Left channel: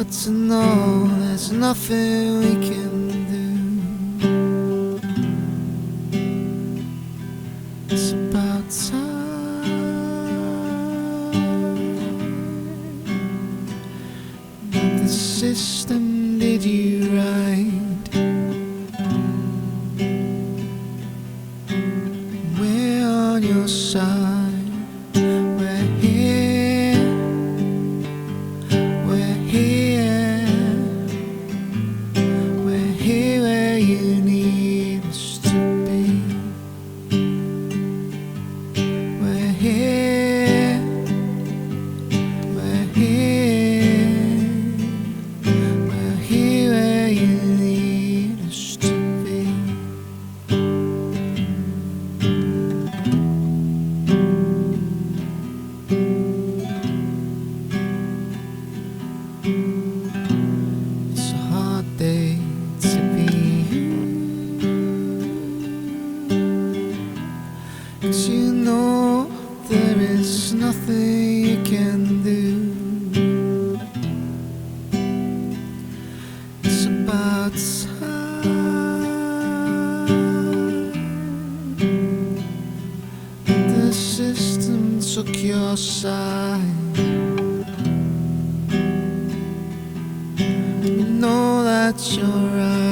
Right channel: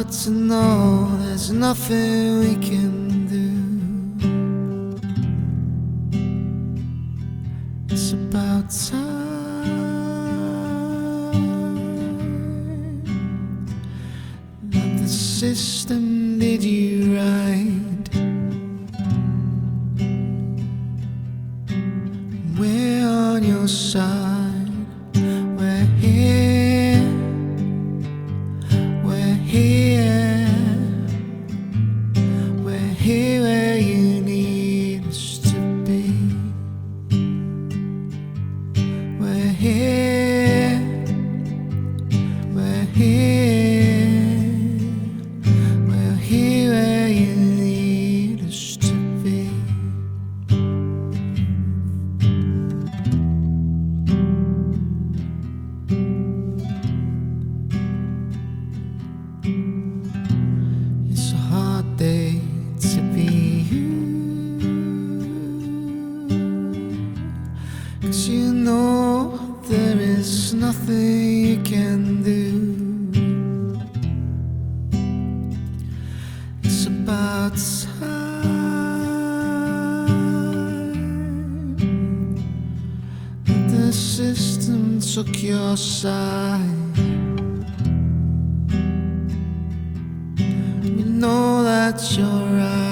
hard to know there's nothing we can do. It's about time that the system did you right. We're on your side. We're here. We're here. We're here where you need us to be. We're here. We're here. We're here where you need us to be. It's a hard day to be you, 'cause you know there is nothing you can do. It's about time that the system took your side. We know that you're right.